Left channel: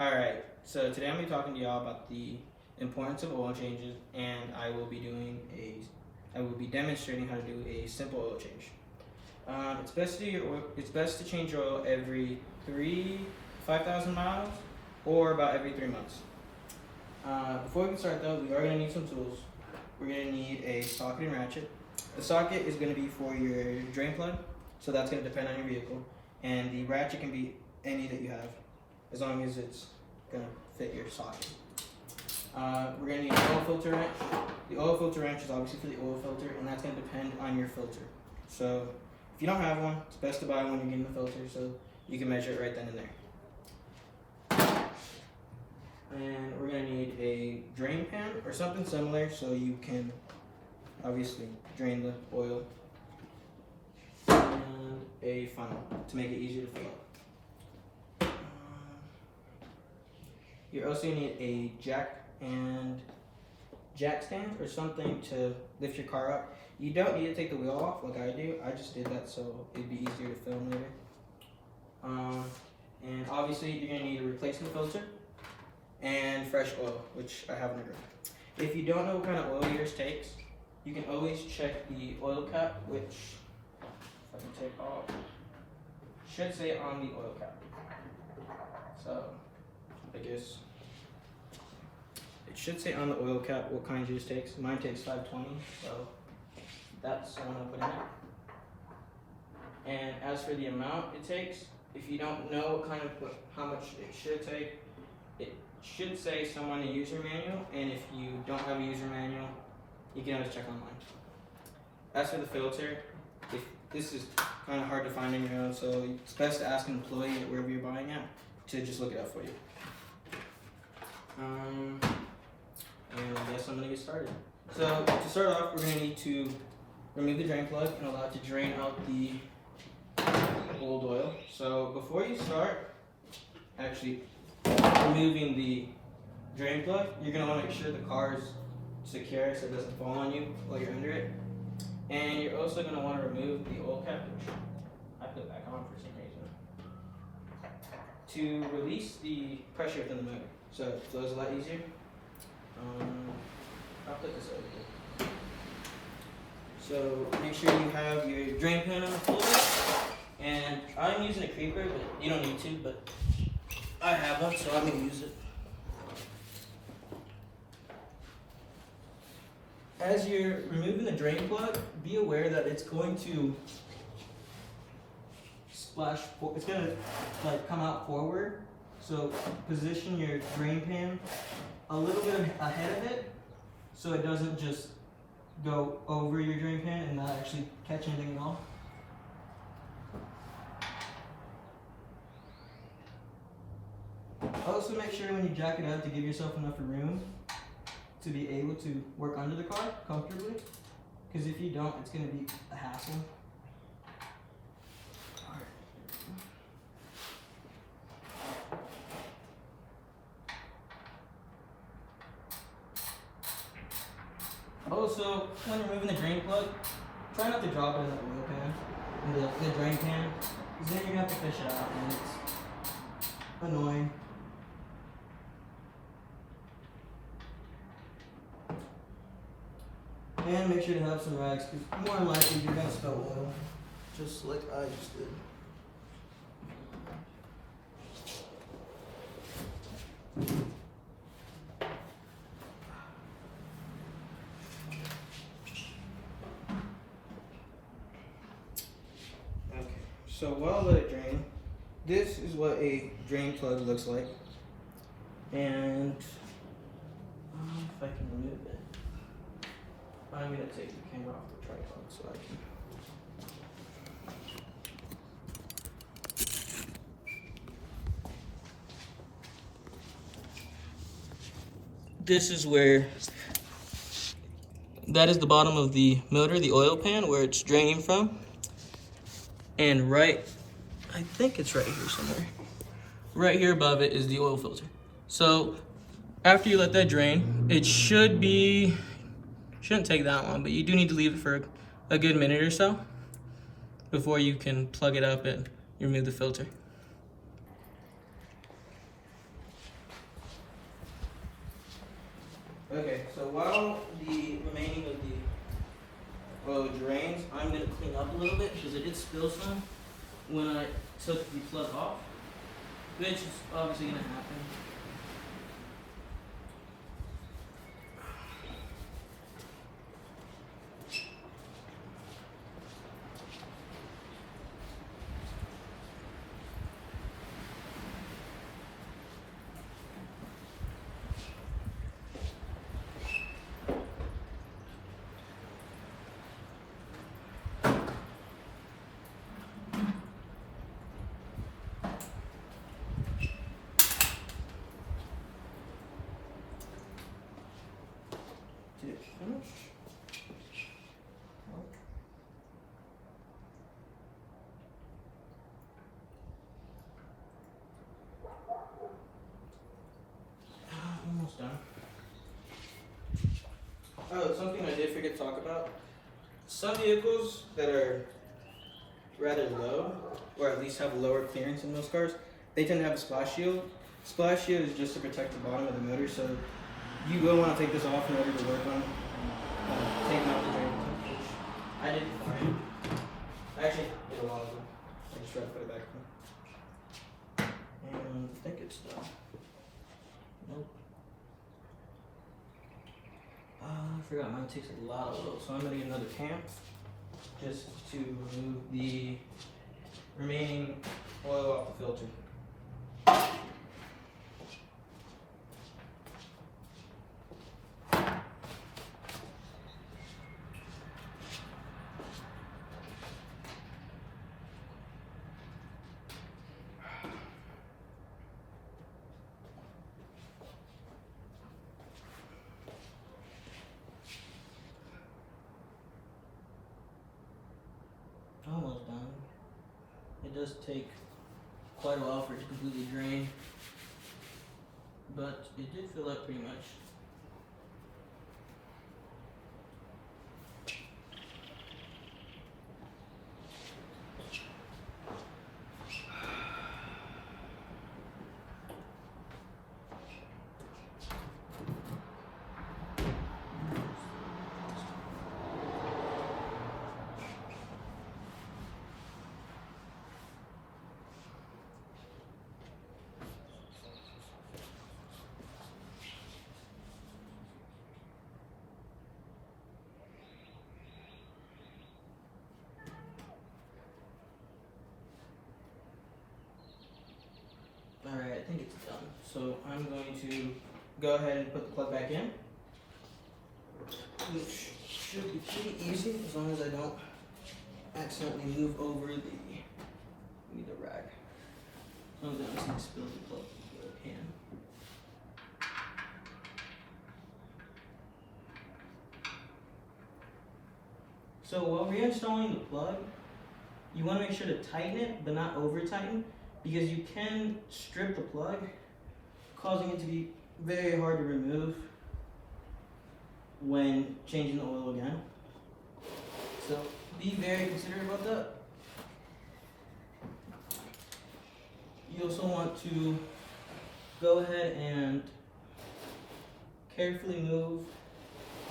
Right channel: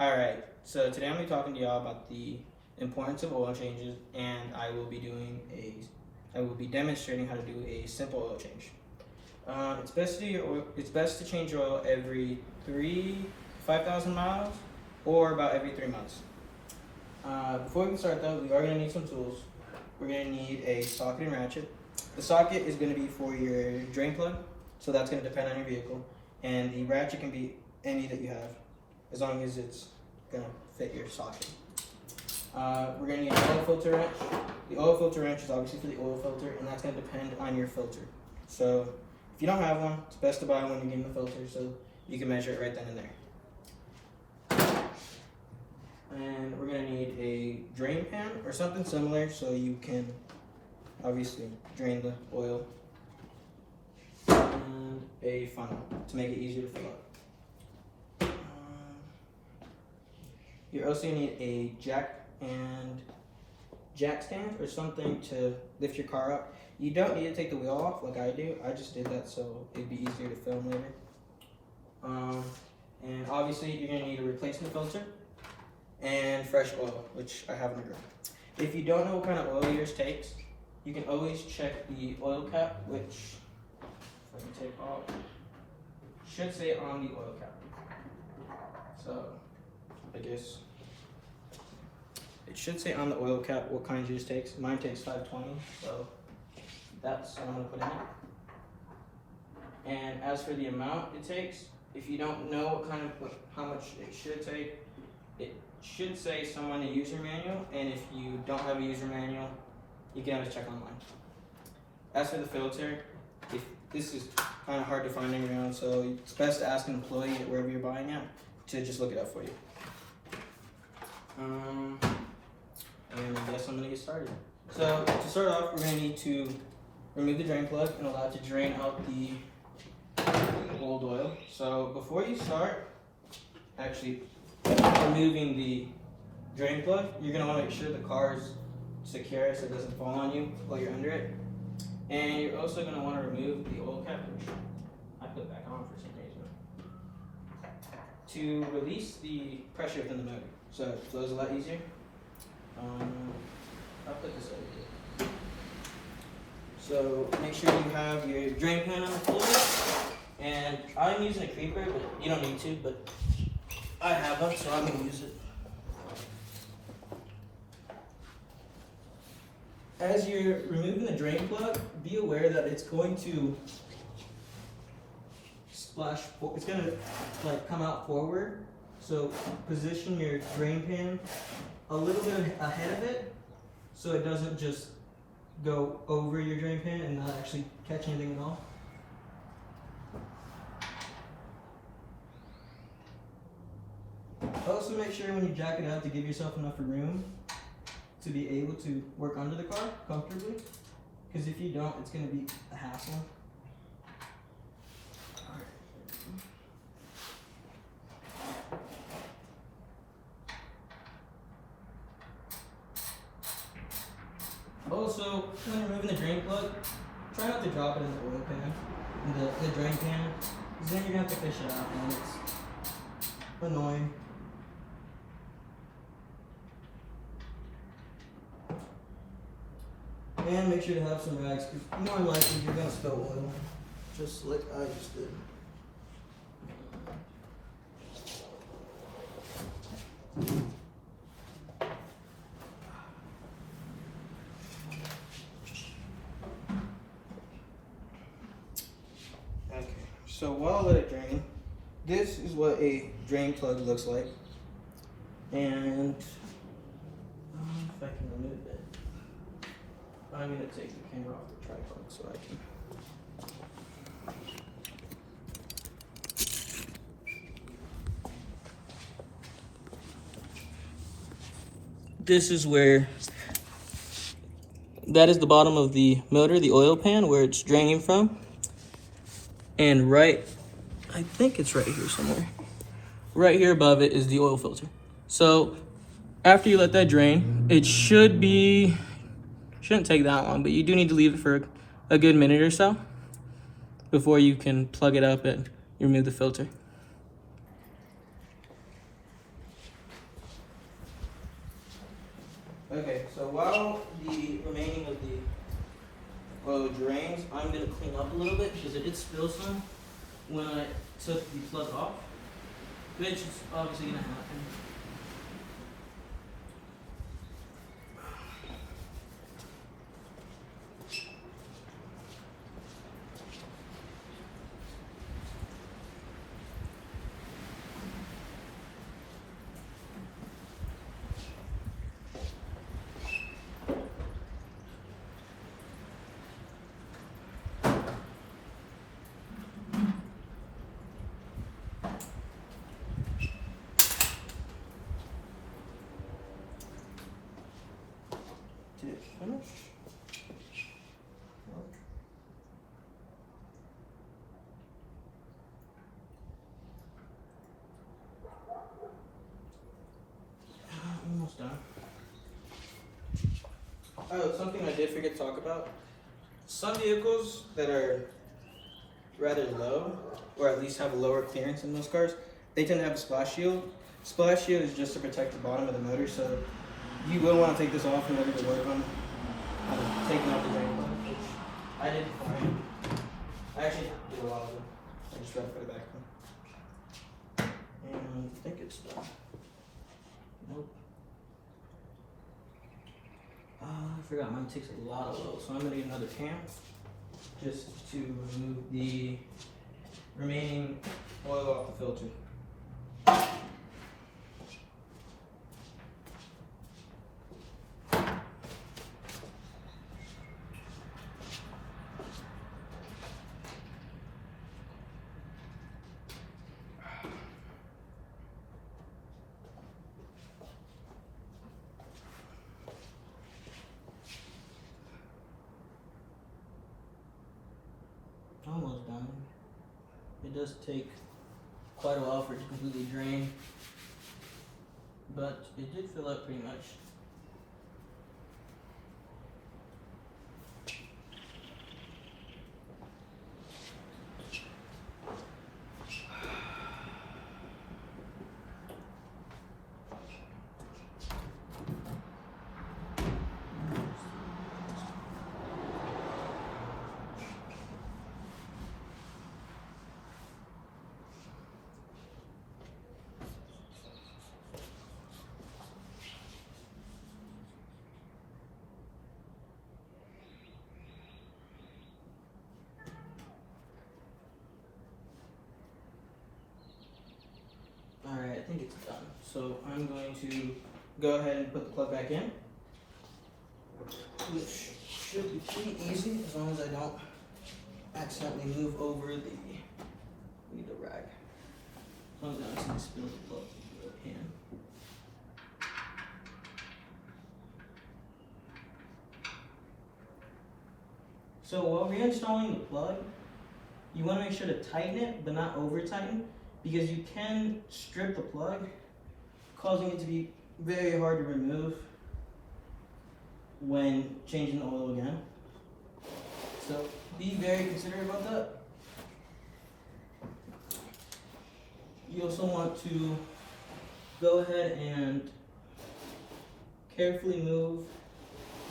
Alright, so today I'm going to be talking to y'all about the importance of oil changes, and I will be demonstrating how to do a simple oil change. It's best to change your oil every 5,000 miles, or about every 3 months. Before we can start though, we are going to need some tools. We're going to need a socket and ratchet. The socket is going to be for your drain plug, so that's going to depend on your vehicle, and the ratchet can be any that you have, as long as it's gonna fit your socket. We're gonna need an oil filter wrench. The oil filter wrench is obviously for the oil filter, and that's gonna depend on your filter. So if you don't have one, it's best to buy one when you're getting the filter so you can measure it right then and there. And we're gonna need a drain pan or something similar so you can obviously drain the oil. And a funnel to make it easier to fill up. You're also going to need a jack stand or something to lift your car up. You don't need to take the wheel off like I do. I just did that so it'd be easier to film later. And obviously you're going to need a replacement filter and fresh oil, which I have in the room. If you don't know what kind of oil yours takes, you can always check the oil cap, which, if I can take off, should say on the oil cap. So I guess it should say on the oil cap what kind yours takes. Mine takes 520, so that's what I'm gonna put in it. And as for the amount it takes, if you don't know how much it should take, it should say somewhere in the user manual, and if you don't have a user manual, you can always check online. As for the filter, this is kind of hard to find on your own, so it's best to ask an employee at wherever you're buying at to just look it up for you. And I guess I'm gonna get started. So to start off, we're gonna need to remove the drain plug and allow it to drain out the old oil. So before you start actually removing the drain plug, you're gonna wanna make sure the car is secure so it doesn't fall on you while you're under it. And you're also gonna wanna remove the oil cap, which I put back on for some reason, to release the pressure within the motor. So it flows a lot easier. I'll put this over here. So make sure you have your drain pan on fully. And I'm using a creeper, but you don't need to, but I have one, so I'm gonna use it. As you're removing the drain plug, be aware that it's going to splash, it's gonna like come out forward. So position your drain pan a little bit ahead of it so it doesn't just go over your drain pan and not actually catch anything at all. Also make sure when you jack it up to give yourself enough room to be able to work under the car comfortably, because if you don't, it's going to be a hassle. Also, when you're removing the drain plug, try not to drop it in the oil pan, in the drain pan, because then you're going to have to fish it out, and it's annoying. And make sure to have some rags, because more than likely you're going to spill oil, just like I just did. Okay, so while I let it drain, this is what a drain plug looks like. And if I can remove it, I'm going to take the camera off the tripod so I can. This is where, that is the bottom of the motor, the oil pan, where it's draining from. And I think it's right here somewhere. Right here above it is the oil filter. So after you let that drain, it shouldn't take that long, but you do need to leave it for a good minute or so before you can plug it up and remove the filter. Okay, so while the remaining of the oil drains, I'm gonna clean up a little bit because I did spill some when I took the plug off, which is obviously gonna happen. Did it finish? Almost done. Oh, something I did forget to talk about. Some vehicles that are rather low, or at least have lower clearance in those cars, they tend to have a splash shield. Splash shield is just to protect the bottom of the motor, so you will want to take this off in order to work on taking out the drain plug, which I did fine. I actually did a while ago. I just tried to put it back on. And I think it's done. Nope. I forgot mine takes a lot of oil, so I'm gonna get another can just to remove the remaining oil off the filter. Almost done. It does take quite a while for it to completely drain, but it did fill up pretty much. Alright, I think it's done. So I'm going to go ahead and put the plug back in, which should be pretty easy as long as I don't accidentally move over the, need a rag. As long as I don't accidentally spill the plug into the pan. So while reinstalling the plug, you want to make sure to tighten it, but not over tighten, because you can strip the plug, causing it to be very hard to remove when changing the oil again. So be very considerate about that. You also want to go ahead and carefully move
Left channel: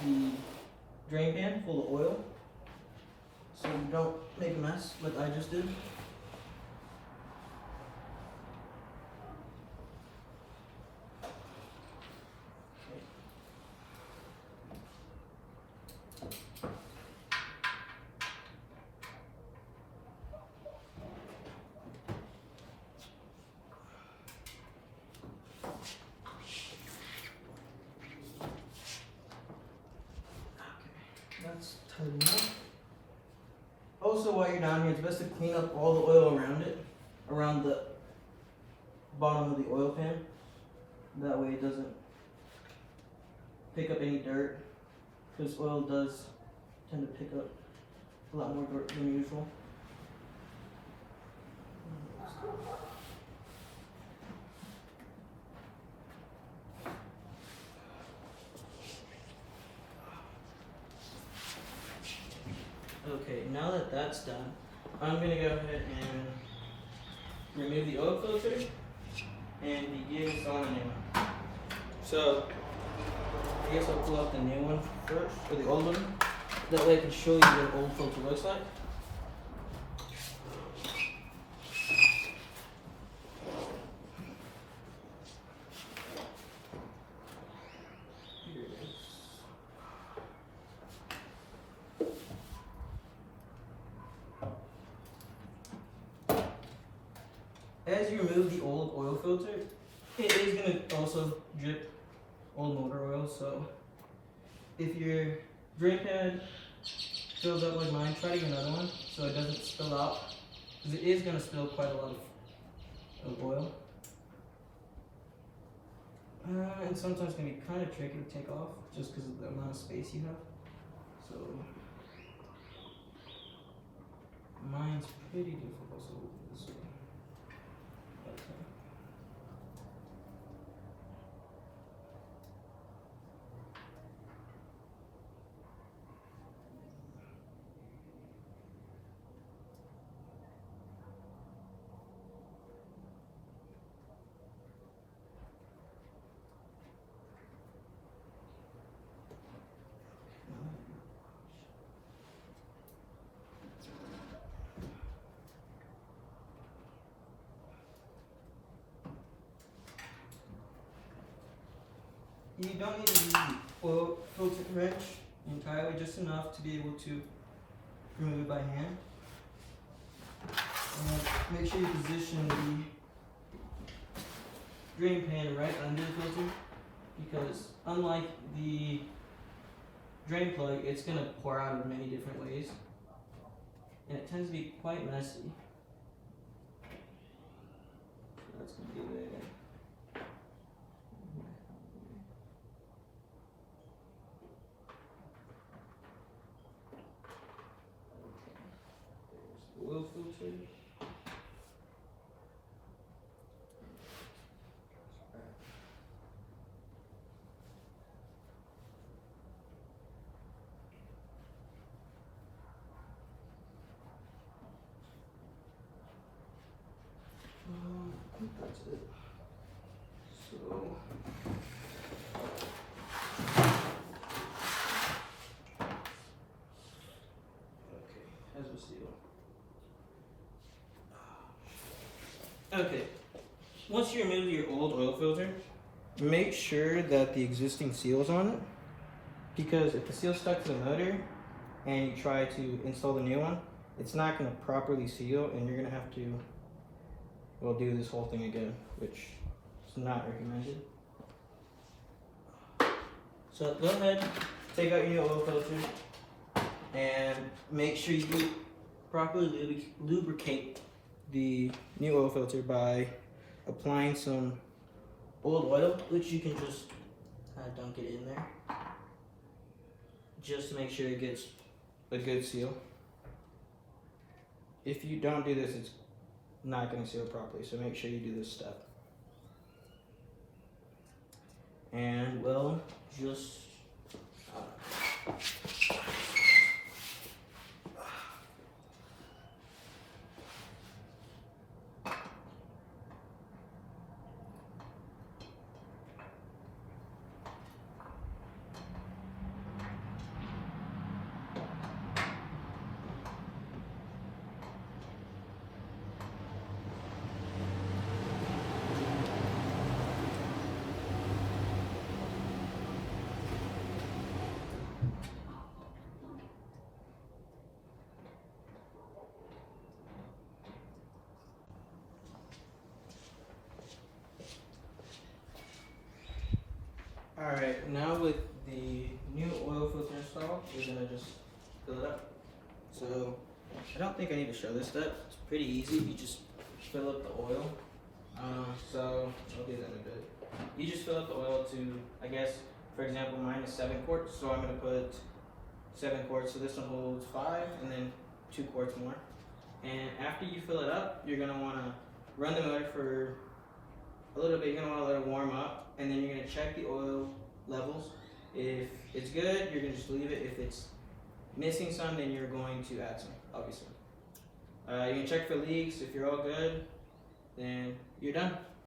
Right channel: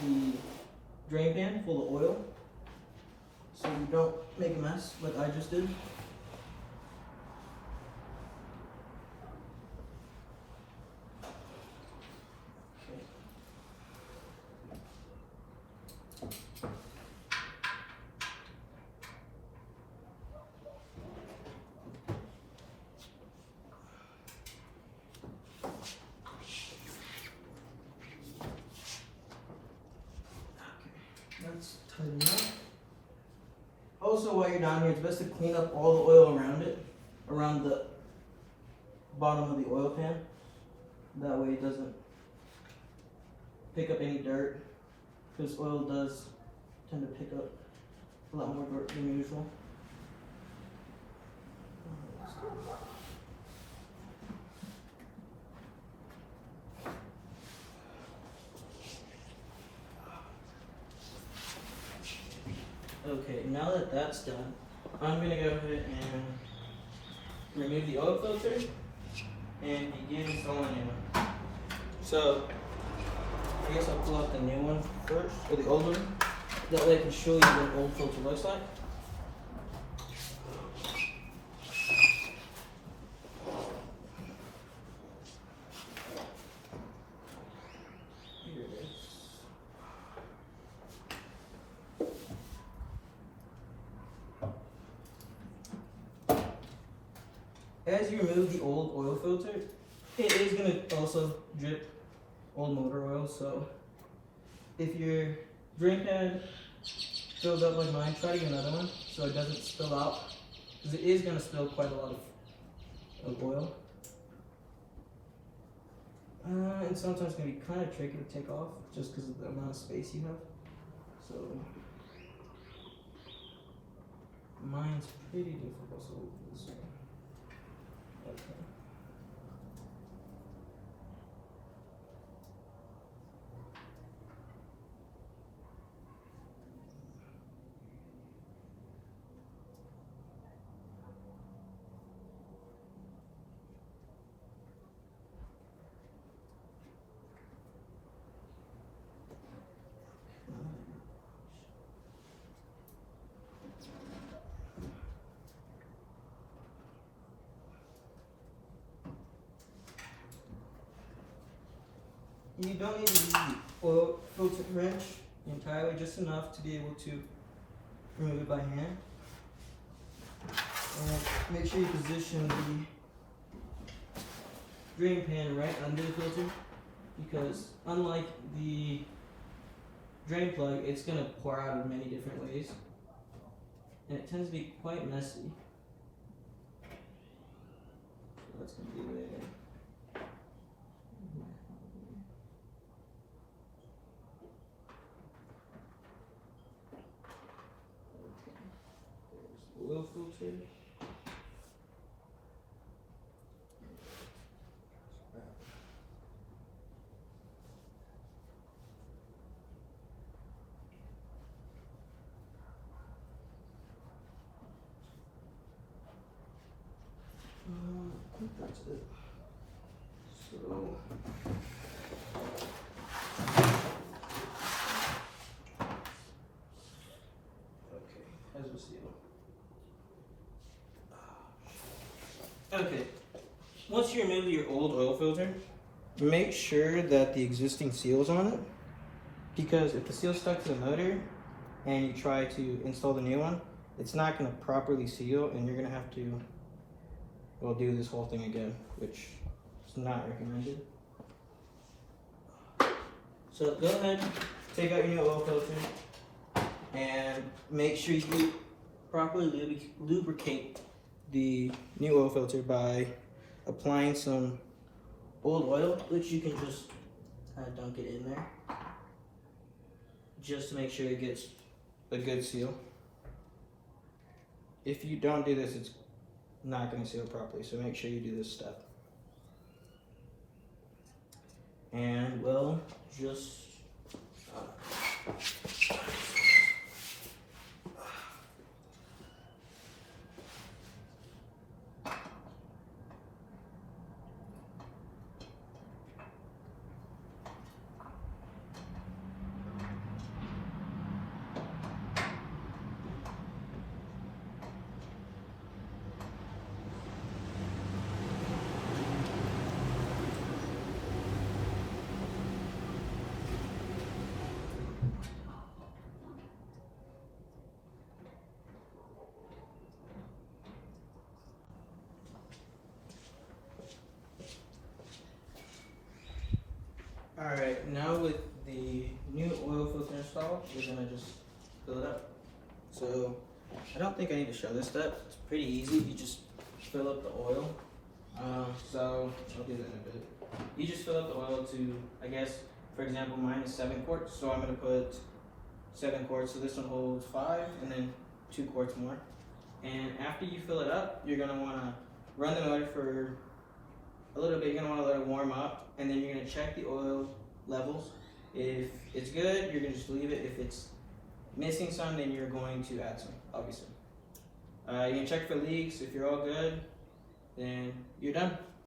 the drain pan full of oil so you don't make a mess like I just did. That's tightened up. Also, while you're down here, it's best to clean up all the oil around it, around the bottom of the oil pan. That way it doesn't pick up any dirt, because oil does tend to pick up a lot more dirt than usual. Okay, now that that's done, I'm going to go ahead and remove the oil filter and begin installing it. So, I guess I'll pull out the new one first, or the old one. That way I can show you what an old filter looks like. Here it is. As you remove the old oil filter, it is going to also drip old motor oil. So if your drain pad fills up like mine, try to get another one so it doesn't spill out, because it is going to spill quite a lot of oil. And sometimes it can be kind of tricky to take off just because of the amount of space you have. So mine's pretty difficult, so we'll do this way. Okay. You don't need to use the oil filter wrench entirely, just enough to be able to remove it by hand. And make sure you position the drain pan right under the filter, because unlike the drain plug, it's going to pour out in many different ways, and it tends to be quite messy. So that's going to be there. Oil filter. I think that's it. So okay, as we seal. Okay, once you remove your old oil filter, make sure that the existing seal is on it, because if the seal's stuck to the motor and you try to install the new one, it's not going to properly seal, and you're going to have to, well, do this whole thing again, which is not recommended. So go ahead, take out your new oil filter, and make sure you properly lubricate the new oil filter by applying some old oil, which you can just kind of dunk it in there, just to make sure it gets a good seal. If you don't do this, it's not going to seal properly, so make sure you do this step. And we'll just Alright, now with the new oil filter installed, you're going to just fill it up. So, I don't think I need to show this step. It's pretty easy. You just fill up the oil. So, I'll do that in a bit. You just fill up the oil to, I guess, for example, mine is 7 quarts. So, I'm going to put 7 quarts. So, this one holds 5 and then 2 quarts more. And after you fill it up, you're going to want to run the motor for a little bit. You're going to want to let it warm up. And then you're going to check the oil levels. If it's good, you're going to just leave it. If it's missing some, then you're going to add some, obviously. You can check for leaks. If you're all good, then you're done.